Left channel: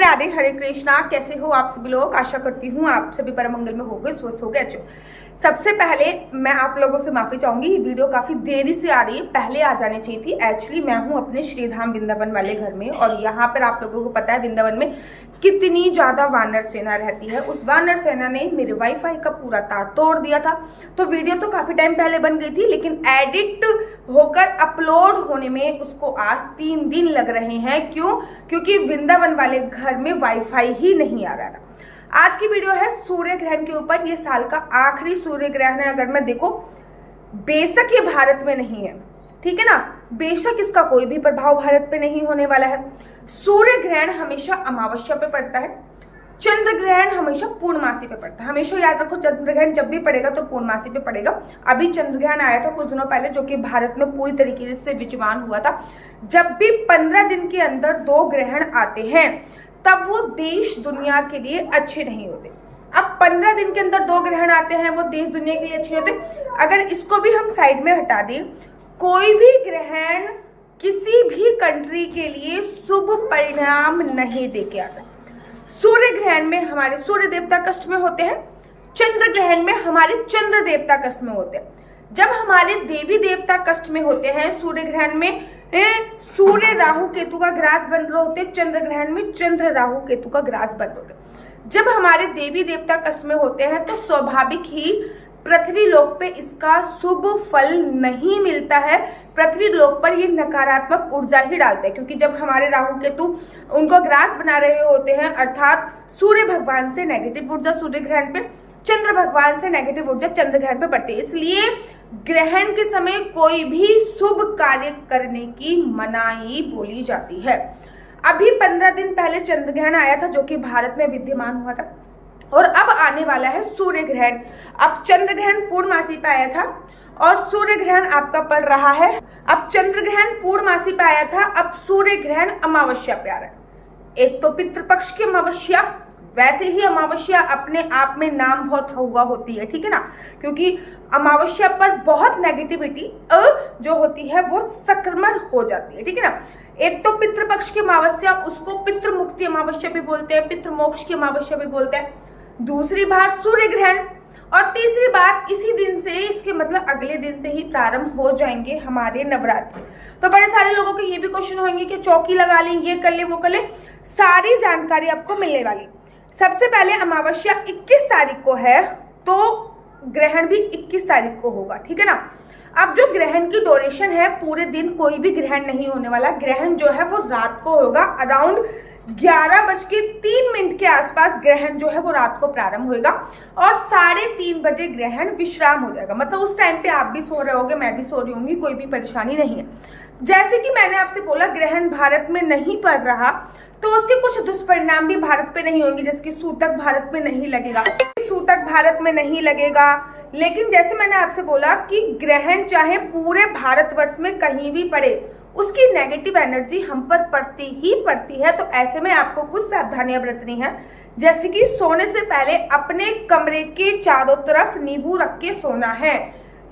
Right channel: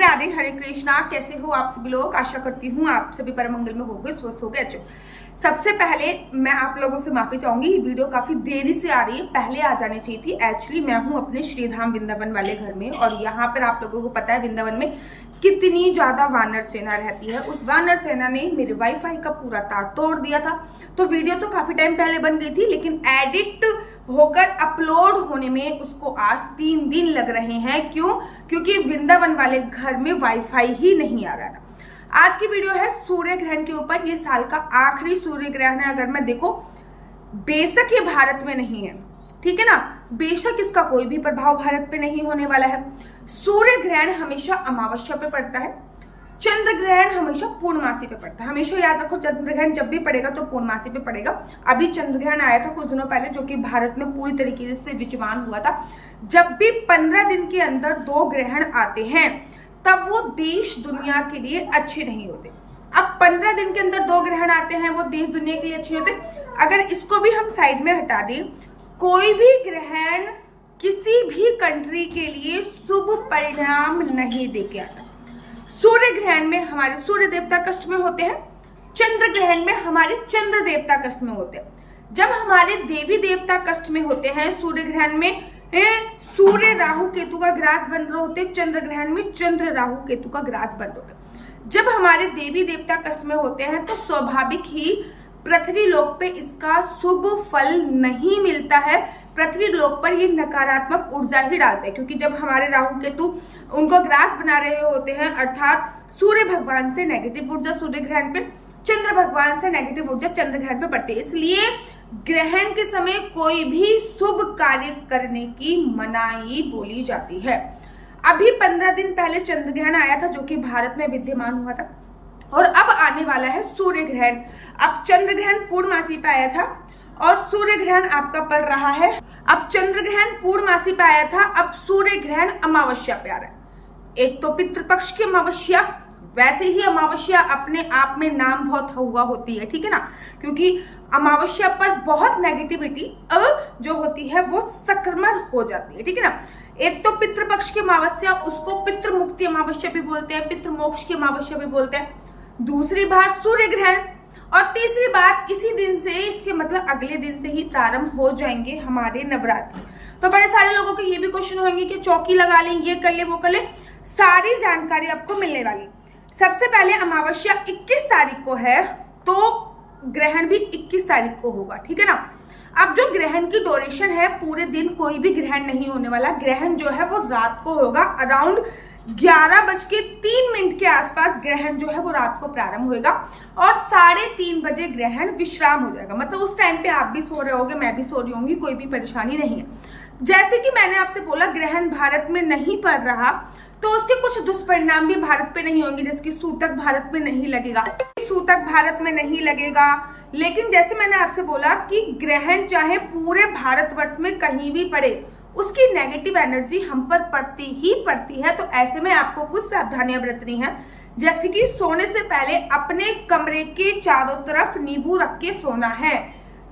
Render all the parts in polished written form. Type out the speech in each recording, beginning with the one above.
राधे, हरे कृष्णा। कैसे हो आप सभी लोग? आशा करती हूँ आप सभी परम मंगल में होंगे, स्वस्थ होंगे, अच्छे। सबसे पहले मैं आप लोगों से माफी चाहूंगी, ये वीडियो काफी देरी से आ रही है, पहले आ जानी चाहिए थी। एक्चुअली मैं हूँ अपने श्रीधाम वृंदावन वाले घर में, और यहाँ पर आप लोगों को पता है वृंदावन में कितनी ज्यादा वानर सेना रहती है। उस वानर सेना ने मेरे वाईफाई का पूरा तार तोड़ दिया था। तो वीडियो तो काफी टाइम पहले बन गई थी, लेकिन एडिट होकर अपलोड होने में उसको आज 3 दिन लग रहे हैं। क्यों? क्योंकि वृंदावन वाले घर में वाईफाई ही नहीं आ रहा था। आज की वीडियो है सूर्य ग्रहण के ऊपर। ये साल का आखिरी सूर्य ग्रहण है। अगर मैं देखो, बेशक ये भारत में नहीं है, ठीक है ना, बेशक इसका कोई भी प्रभाव भारत पे नहीं होने वाला है। सूर्य ग्रहण हमेशा अमावस्या पे पड़ता है, चंद्र ग्रहण हमेशा पूर्णमासी पे पड़ता है। हमेशा याद रखो, चंद्र ग्रहण जब भी पड़ेगा तो पूर्णमासी पे पड़ेगा। अभी चंद्र ग्रहण आया था कुछ दिनों पहले, जो कि भारत में पूरी तरीके से विद्यमान हुआ था। जब भी 15 दिन के अंदर 2 ग्रहण आते हैं, तब वो देश दुनिया के लिए अच्छे नहीं होते। अब 15 दिन के अंदर 2 ग्रहण आते हैं, वो देश दुनिया के लिए अच्छे होते। अगर इसको भी हम साइड में हटा दें, कोई भी ग्रहण किसी भी कंट्री के लिए शुभ परिणाम नहीं दे के आता। सूर्य ग्रहण में हमारे सूर्य देवता कष्ट में होते हैं, चंद्र ग्रहण में हमारे चंद्र देवता कष्ट में होते हैं। जब हमारे देवी देवता कष्ट में होते हैं, सूर्य ग्रहण में सूर्य राहु केतु का ग्रास बन रहे होते, चंद्र ग्रहण में चंद्र राहु केतु का ग्रास बन रहे होते। जब हमारे देवी देवता कष्ट में होते हैं तो स्वाभाविक ही पृथ्वी लोक पे इसका शुभ फल नहीं मिलता है। पृथ्वी लोक पर ये नकारात्मक ऊर्जा ही डालते हैं, क्योंकि जब हमारे राहु केतु उनको ग्रास बना रहे होते हैं, अर्थात सूर्य भगवान से नेगेटिव ऊर्जा सूर्य ग्रहण पे, चंद्र भगवान से नेगेटिव ऊर्जा चंद्र ग्रहण पे पड़ती है। इसलिए ग्रहण के समय कोई भी शुभ कार्य करने की मनाही बोली जाती है। अभी 15 दिन पहले चंद्र ग्रहण आया था, जो कि भारत में विद्यमान हुआ था, और अब आने वाला है सूर्य ग्रहण। अब चंद्र ग्रहण पूर्णमासी पे आया था और सूर्य ग्रहण आपका पड़ रहा है। अब चंद्र ग्रहण पूर्णमासी पे आया था, अब सूर्य ग्रहण अमावस्या पे आ रहा है। एक तो पितृपक्ष की अमावस्या, वैसे ही अमावस्या अपने आप में नाम बहुत हुआ होती है, ठीक है ना, क्योंकि अमावस्या पर बहुत नेगेटिविटी जो होती है वो संक्रमण हो जाती है, ठीक है ना। एक तो पितृपक्ष की अमावस्या, उसको पितृ मुक्ति अमावस्या भी बोलते हैं, पितृ मोक्ष की अमावस्या भी बोलते हैं। दूसरी बात सूर्य ग्रहण, और तीसरी बात इसी दिन से, इसके मतलब अगले दिन से ही प्रारंभ हो जाएंगे हमारे नवरात्र। तो बड़े सारे लोगों के ये भी क्वेश्चन होंगे कि चौकी लगा लें, ये कर ले, वो कर ले। सारी जानकारी आपको मिलने वाली। सबसे पहले अमावस्या 21 तारीख को है, तो ग्रहण भी 21 तारीख को होगा, ठीक है ना। अब जो ग्रहण की ड्यूरेशन है, पूरे दिन कोई भी ग्रहण नहीं होने वाला। ग्रहण जो है वो रात को होगा, अराउंड 11:03 के आसपास ग्रहण जो है वो रात को प्रारंभ होगा, और 3:30 बजे ग्रहण विश्राम हो जाएगा। मतलब उस टाइम पे आप भी सो रहे होगे, मैं भी सो रही होंगी, कोई भी परेशानी नहीं है। जैसे कि मैंने आपसे बोला, ग्रहण भारत में नहीं पड़ रहा, तो उसके कुछ दुष्परिणाम भी भारत पे नहीं होंगे। जैसे कि सूतक भारत में नहीं लगेगा, सूतक भारत में नहीं लगेगा। लेकिन जैसे मैंने आपसे बोला कि ग्रहण चाहे पूरे भारतवर्ष में कहीं भी पड़े, उसकी नेगेटिव एनर्जी हम पर पड़ती ही पड़ती है। तो ऐसे में आपको कुछ सावधानियां बरतनी है, जैसे कि सोने से पहले अपने कमरे के चारों तरफ नींबू रख के सोना है।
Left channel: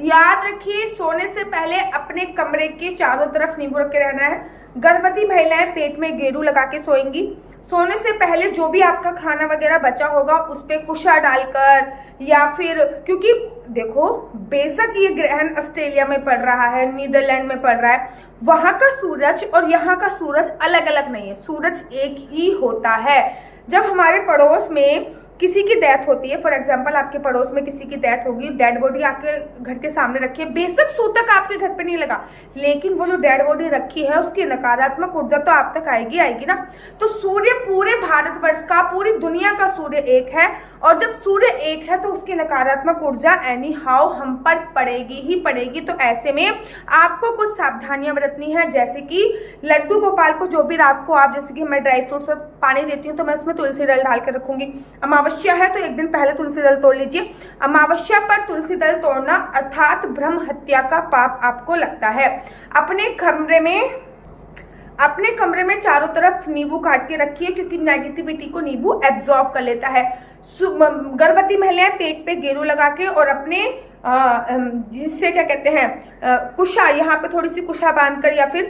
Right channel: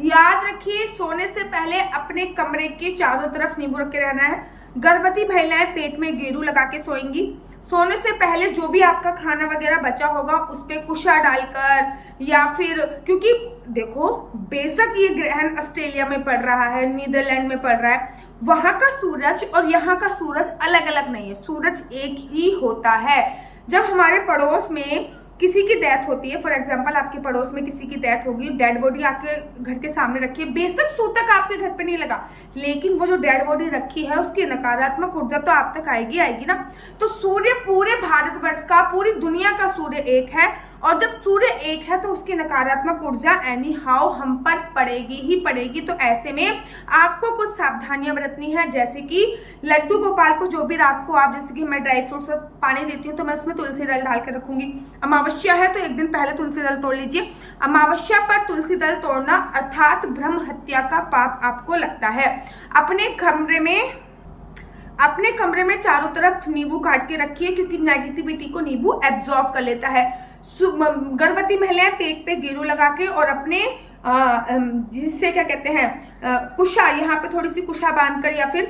याद रखिए, सोने से पहले अपने कमरे के चारों तरफ नींबू रख के रहना है। गर्भवती महिलाएं पेट में गेरू लगा के सोएंगी। सोने से पहले जो भी आपका खाना वगैरह बचा होगा उस पे कुशा डालकर, या फिर, क्योंकि देखो बेशक ये ग्रहण ऑस्ट्रेलिया में पड़ रहा है, नीदरलैंड में पड़ रहा है, वहां का सूरज और यहाँ का सूरज अलग अलग नहीं है, सूरज एक ही होता है। जब हमारे पड़ोस में किसी की डेथ होती है, फॉर एग्जाम्पल आपके पड़ोस में किसी की डेथ होगी, डेड बॉडी आपके घर के सामने रखी है, बेशक सूतक आपके घर पे नहीं लगा, लेकिन वो जो डेड बॉडी रखी है उसकी नकारात्मक ऊर्जा तो आप तक आएगी आएगी ना। तो सूर्य पूरे भारतवर्ष का, पूरी दुनिया का सूर्य एक है, और जब सूर्य एक है तो उसकी नकारात्मक ऊर्जा एनी हाउ हम पर पड़ेगी ही पड़ेगी। तो ऐसे में आपको कुछ सावधानियां बरतनी है, जैसे कि लड्डू गोपाल को जो भी रात को आप, जैसे कि मैं ड्राई फ्रूट्स और पानी देती हूँ, तो मैं उसमें तुलसी दल डाल कर रखूंगी। अमावस्या है तो एक दिन पहले तुलसी दल तोड़ लीजिए। अमावस्या पर तुलसी दल तोड़ना अर्थात ब्रह्म हत्या का पाप आपको लगता है। अपने कमरे में चारों तरफ नींबू काट के रखिए, क्योंकि नेगेटिविटी को नींबू एब्जॉर्ब कर लेता है। गर्भवती महिलाएं पेट पे गेरू लगा के और अपने जिससे क्या कहते हैं कुशा, यहाँ पे थोड़ी सी कुशा बांधकर या फिर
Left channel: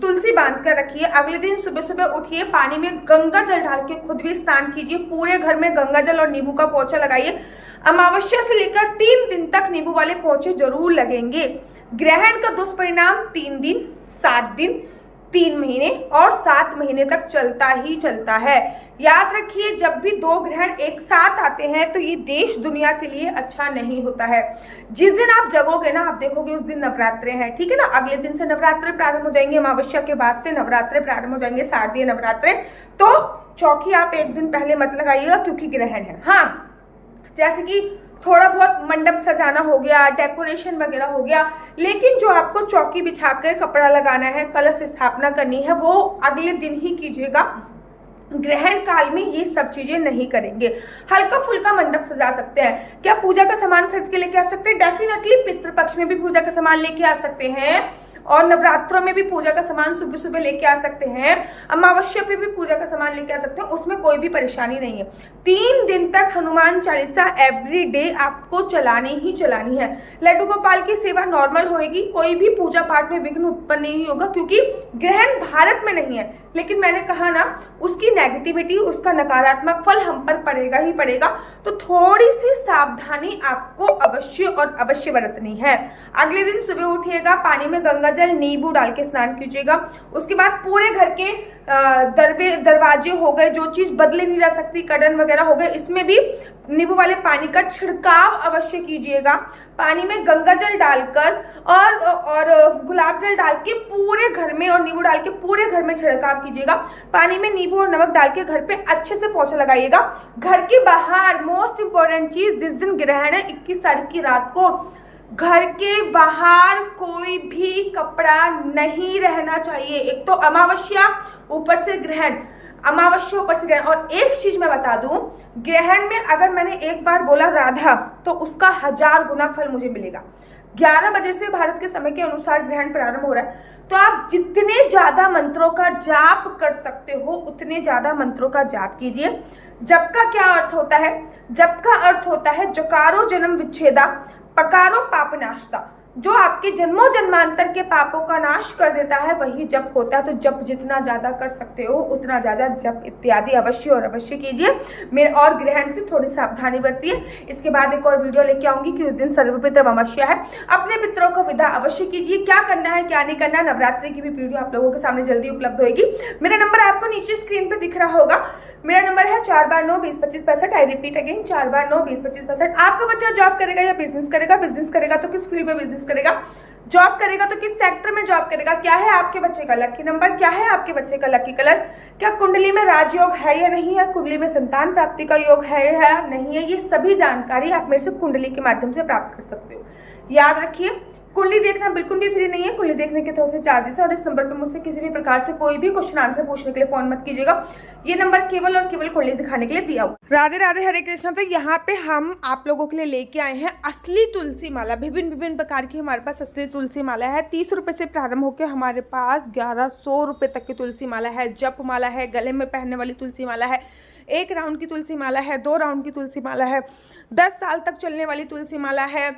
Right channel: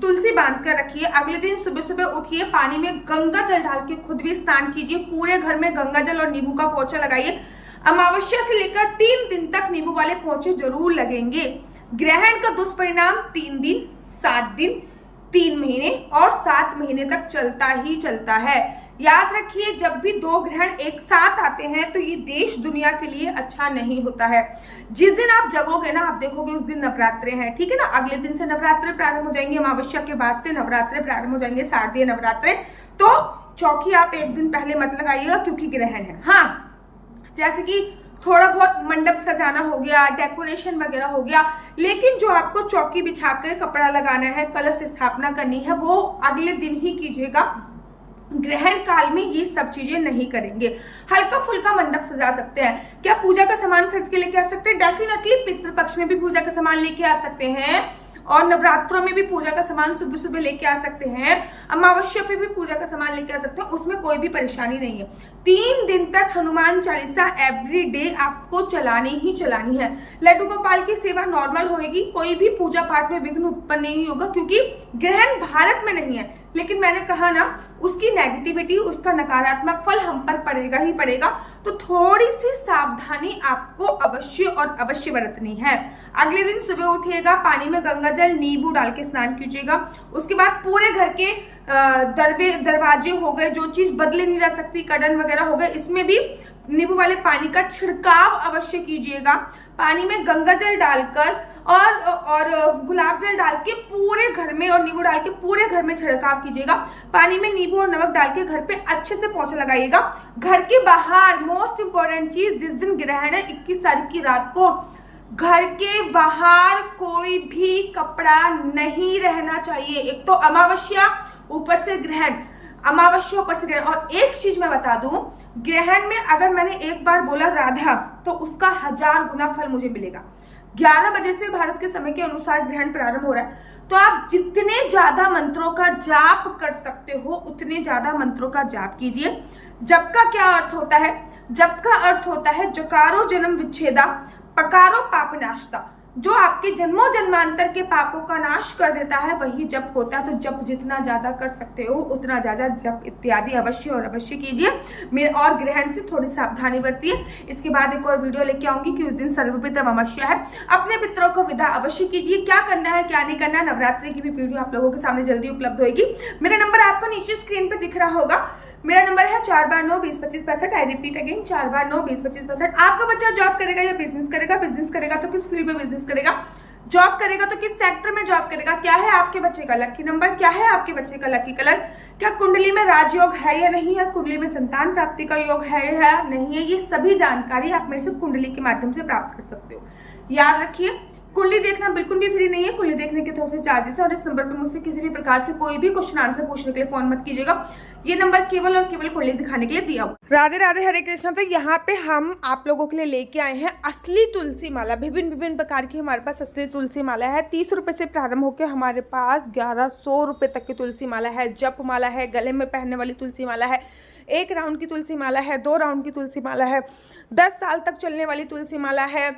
तुलसी बांधकर रखिए। अगले दिन सुबह सुबह उठिए, पानी में गंगा जल डाल के खुद भी स्नान कीजिए। पूरे घर में गंगा जल और नींबू का पोछा लगाइए। अमावस्या से लेकर 3 दिन तक नींबू वाले पोछे जरूर लगेंगे। ग्रहण का दुष्परिणाम 3 दिन, 7 दिन, 3 महीने और 7 महीने तक चलता ही चलता है। याद रखिए, जब भी 2 ग्रहण एक साथ आते हैं तो ये देश दुनिया के लिए अच्छा नहीं होता है। जिस दिन आप जगोगे ना, आप देखोगे उस दिन नवरात्रे हैं, ठीक है ना। अगले दिन से नवरात्रे प्रारंभ हो जाएंगे, अमावस्या के बाद से नवरात्रे प्रारंभ हो जाएंगे, शारदीय नवरात्रे। तो चौकी आप एक दिन पहले मत लगाइएगा क्योंकि ग्रहण है। हाँ, जैसे कि थोड़ा बहुत मंडप सजाना हो गया, डेकोरेशन वगैरह हो गया, लेकिन जो आपको चौकी बिछाकर कपड़ा लगाना है, कलश स्थापना करनी है, वो अगले दिन ही कीजिएगा। ग्रहण काल में ये सब चीजें नहीं करेंगे। हल्का फुल्का मंडप सजा सकते हैं। क्या पूजा का सामान खरीद के लेके आ सकते हैं? डेफिनेटली पितृपक्ष में भी पूजा का सामान लेके आ सकते हैं और नवरात्रों में भी पूजा का सामान सुबह सुबह लेके आ सकते हैं। अमावस्या पे भी पूजा का सामान लेके आ सकते हैं, उसमें कोई भी परेशानी नहीं है। 3 दिन तक हनुमान चालीसा एवरी डे आपको चलानी ही चलानी है। लड्डू गोपाल की सेवा नॉर्मल होगी, कोई भी पूजा पाठ में विघ्न उत्पन्न नहीं होगा क्योंकि ग्रहण भारत में नहीं है। लेकिन मैंने कहा ना, उसकी नेगेटिविटी, उसका नकारात्मक फल हम पर पड़ेगा ही पड़ेगा। तो थोड़ी सी सावधानी आपको अवश्य और अवश्य बरतनी है। अगले दिन सुबह उठिएगा, पानी में गंगा जल नींबू डाल के स्नान कीजिएगा। उसके बाद पूरे घर के दरवाजे हो गए, जो चीज बदले नहीं जा सकती, कर्टन वगैरह हो गए, इसमें भी नींबू वाले पानी का छिड़काव अवश्य कीजिएगा। पानी में गंगा जल डालकर और गुलाब जल डाल के पूरे घर में और नींबू डाल के पूरे घर में छिड़काव कीजिएगा। पानी में नींबू और नमक डाल के घर पे अच्छे से पोछा लगाइएगा। घर के बाहर मोस्ट इंपॉर्टेंट चीज, जिस दिन ग्रहण है 21 तारीख की रात को, घर के बाहर कोई भी कपड़ा नहीं रहना चाहिए। एक तो अमावस्या, ऊपर से ग्रहण, अमावस्या ऊपर से ग्रहण। और एक चीज मैं बता दूं, ग्रहण में अगर मैंने एक बार बोला राधा तो उसका 1000 गुना फल मुझे मिलेगा। 11 बजे से भारत के समय के अनुसार ग्रहण प्रारंभ हो रहा है, तो आप जितने ज्यादा मंत्रों का जाप कर सकते हो उतने ज्यादा मंत्रों का जाप कीजिए। जप का क्या अर्थ होता है? जप का अर्थ होता है जकारो जन्म विच्छेदा, पकारो पाप नाशता। जो आपके जन्मों जन्मांतर के पापों का नाश कर देता है वही जप होता है। तो जप जितना ज्यादा कर सकते हो उतना ज्यादा जप इत्यादि अवश्य और अवश्य कीजिए। मेरे और ग्रहण से थोड़ी सावधानी बरतिए। इसके बाद एक और वीडियो लेके आऊंगी कि उस दिन सर्वपितृ अमावस्या है। अपने पितरों को विदा अवश्य कीजिए। क्या करना है क्या नहीं करना, नवरात्रि की भी वीडियो आप लोगों के सामने जल्दी उपलब्ध होगी। मेरा नंबर आपको नीचे स्क्रीन पे दिख रहा होगा। मेरा नंबर है 4 बार 9 20 25 65। आई रिपीट अगेन, 4 बार 9 20 25 65। आपका बच्चा जॉब करेगा या बिजनेस करेगा? बिजनेस करेगा तो किस फील्ड में बिजनेस करेगा? जॉब करेगा तो किस सेक्टर में जॉब करेगा? क्या है आपके बच्चे का लकी नंबर? क्या है आपके बच्चे का लकी कलर? क्या कुंडली में राजयोग है या नहीं है? कुंडली में संतान प्राप्ति का योग है या नहीं है? ये सभी जानकारी आप मेरे से कुंडली के माध्यम से प्राप्त कर सकते हो। याद रखिए, कुंडली देखना बिल्कुल भी फ्री नहीं है। कुंडली देखने के थोड़े से चार्जेस है और इस नंबर पे मुझसे किसी भी प्रकार से कोई भी क्वेश्चन आंसर पूछने के लिए फोन मत कीजिएगा। ये नंबर केवल और केवल कुंडली दिखाने के लिए दिया हुआ। राधे राधे, हरे कृष्णा। तो यहाँ पे हम आप लोगों के लिए लेके आए हैं असली तुलसी माला। विभिन्न विभिन्न प्रकार की हमारे पास असली तुलसी माला है। 30 रुपए से प्रारंभ होकर हमारे पास 1100 रुपए तक की तुलसी माला है। जप माला है, गले में पहनने वाली तुलसी माला है, 1 राउंड की तुलसी माला है, 2 राउंड की तुलसी माला है, 10 साल तक चलने वाली तुलसी माला है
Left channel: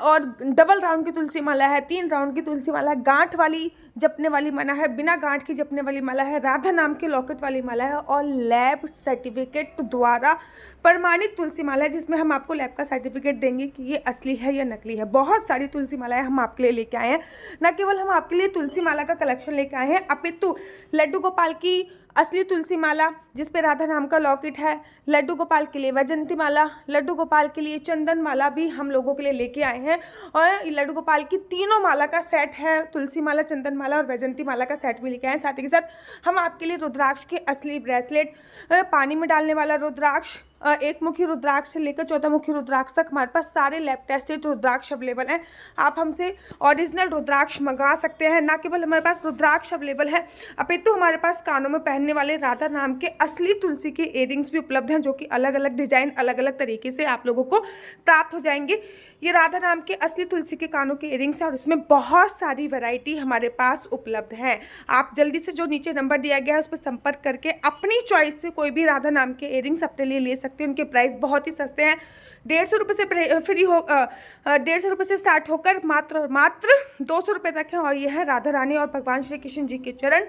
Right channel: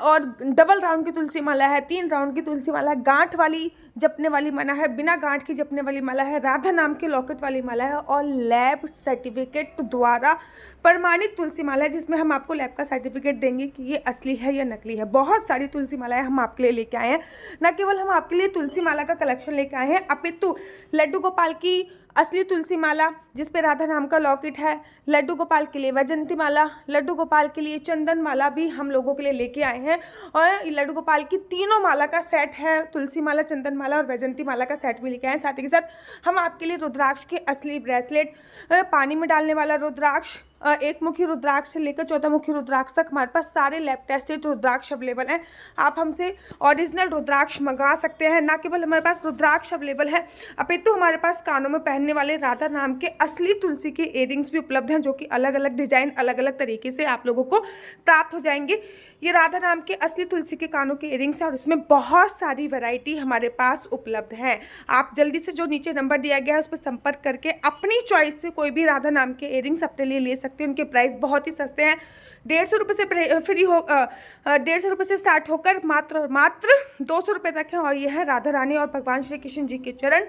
और डबल राउंड की तुलसी माला है, 3 राउंड की तुलसी माला है, गांठ वाली जपने वाली माला है, बिना गांठ की जपने वाली माला है, राधा नाम के लॉकेट वाली माला है और लैब सर्टिफिकेट द्वारा प्रमाणित तुलसी माला है, जिसमें हम आपको लैब का सर्टिफिकेट देंगे कि ये असली है या नकली है। बहुत सारी तुलसी मालाएं हम आपके लिए लेके आए हैं। न केवल हम आपके लिए तुलसी माला का कलेक्शन लेके आए हैं, अपितु लड्डू गोपाल की असली तुलसी माला जिसपे राधा नाम का लॉकेट है, लड्डू गोपाल के लिए वैजंती माला, लड्डू गोपाल के लिए चंदन माला भी हम लोगों के लिए लेके आए हैं। और लड्डू गोपाल की तीनों माला का सेट है, तुलसी माला, चंदन माला और वैजंती माला का सेट भी लेके आए हैं। साथ ही के साथ हम आपके लिए रुद्राक्ष के असली ब्रेसलेट, पानी में डालने वाला रुद्राक्ष, 1 मुखी रुद्राक्ष से लेकर 14 मुखी रुद्राक्ष तक हमारे पास सारे लैब टेस्टेड रुद्राक्ष अवेलेबल हैं। आप हमसे ओरिजिनल रुद्राक्ष मंगा सकते हैं। ना केवल हमारे पास रुद्राक्ष अवेलेबल है, अपितु हमारे पास कानों में पहनने वाले राधा नाम के असली तुलसी के इयररिंग्स भी उपलब्ध हैं, जो कि अलग अलग डिजाइन, अलग अलग तरीके से आप लोगों को प्राप्त हो जाएंगे। ये राधा नाम के असली तुलसी के कानों के इयरिंग्स हैं और इसमें बहुत सारी वैरायटी हमारे पास उपलब्ध है। आप जल्दी से जो नीचे नंबर दिया गया है उस पर संपर्क करके अपनी चॉइस से कोई भी राधा नाम के इयरिंग्स अपने लिए ले सकते हैं। उनके प्राइस बहुत ही सस्ते हैं, 150 रुपये से 150 रुपये से स्टार्ट होकर मात्र 200 रुपये तक है। और ये है राधा रानी और भगवान श्री कृष्ण जी के चरण,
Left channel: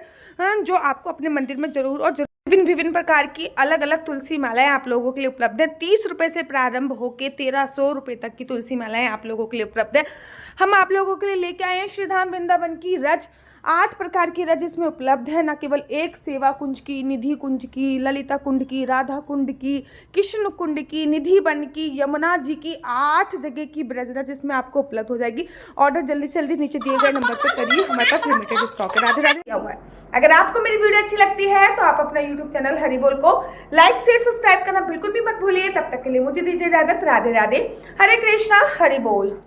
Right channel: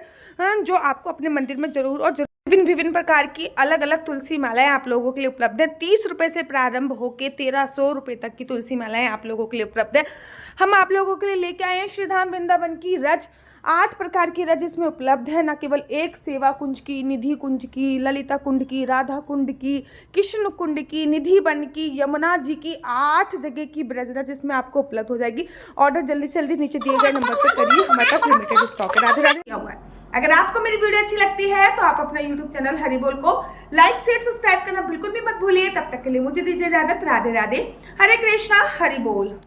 जो आपको अपने मंदिर में जरूर और विभिन्न प्रकार की अलग अलग तुलसी मालाएं आप लोगों के लिए उपलब्ध है। 30 रुपये से प्रारंभ होकर 1300 रुपये तक की तुलसी मालाएं आप लोगों के लिए उपलब्ध है। हम आप लोगों के लिए लेके आए हैं श्रीधाम वृंदावन की रज, 8 प्रकार की रज इसमें उपलब्ध है। न केवल एक सेवा कुंज की, निधि कुंज की, ललिता कुंड की, राधा कुंड की, कृष्ण कुंड की, निधि वन की, यमुना जी की, 8 जगह की ब्रज रज इसमें आपको उपलब्ध हो जाएगी। ऑर्डर जल्दी से जल्दी नीचे दिए गए नंबर पर करिए, हमारे पास लिमिटेड स्टॉक है। राधे राधे। क्या हुआ है? अगर आपको मेरी वीडियो अच्छी लगती है तो आप अपना यूट्यूब चैनल हरि बोल को लाइक शेयर सब्सक्राइब करना बिल्कुल भी मत भूलिए। तब तक के लिए मुझे दीजिए इजाजत। राधे राधे, हरे कृष्णा, हरि बोल।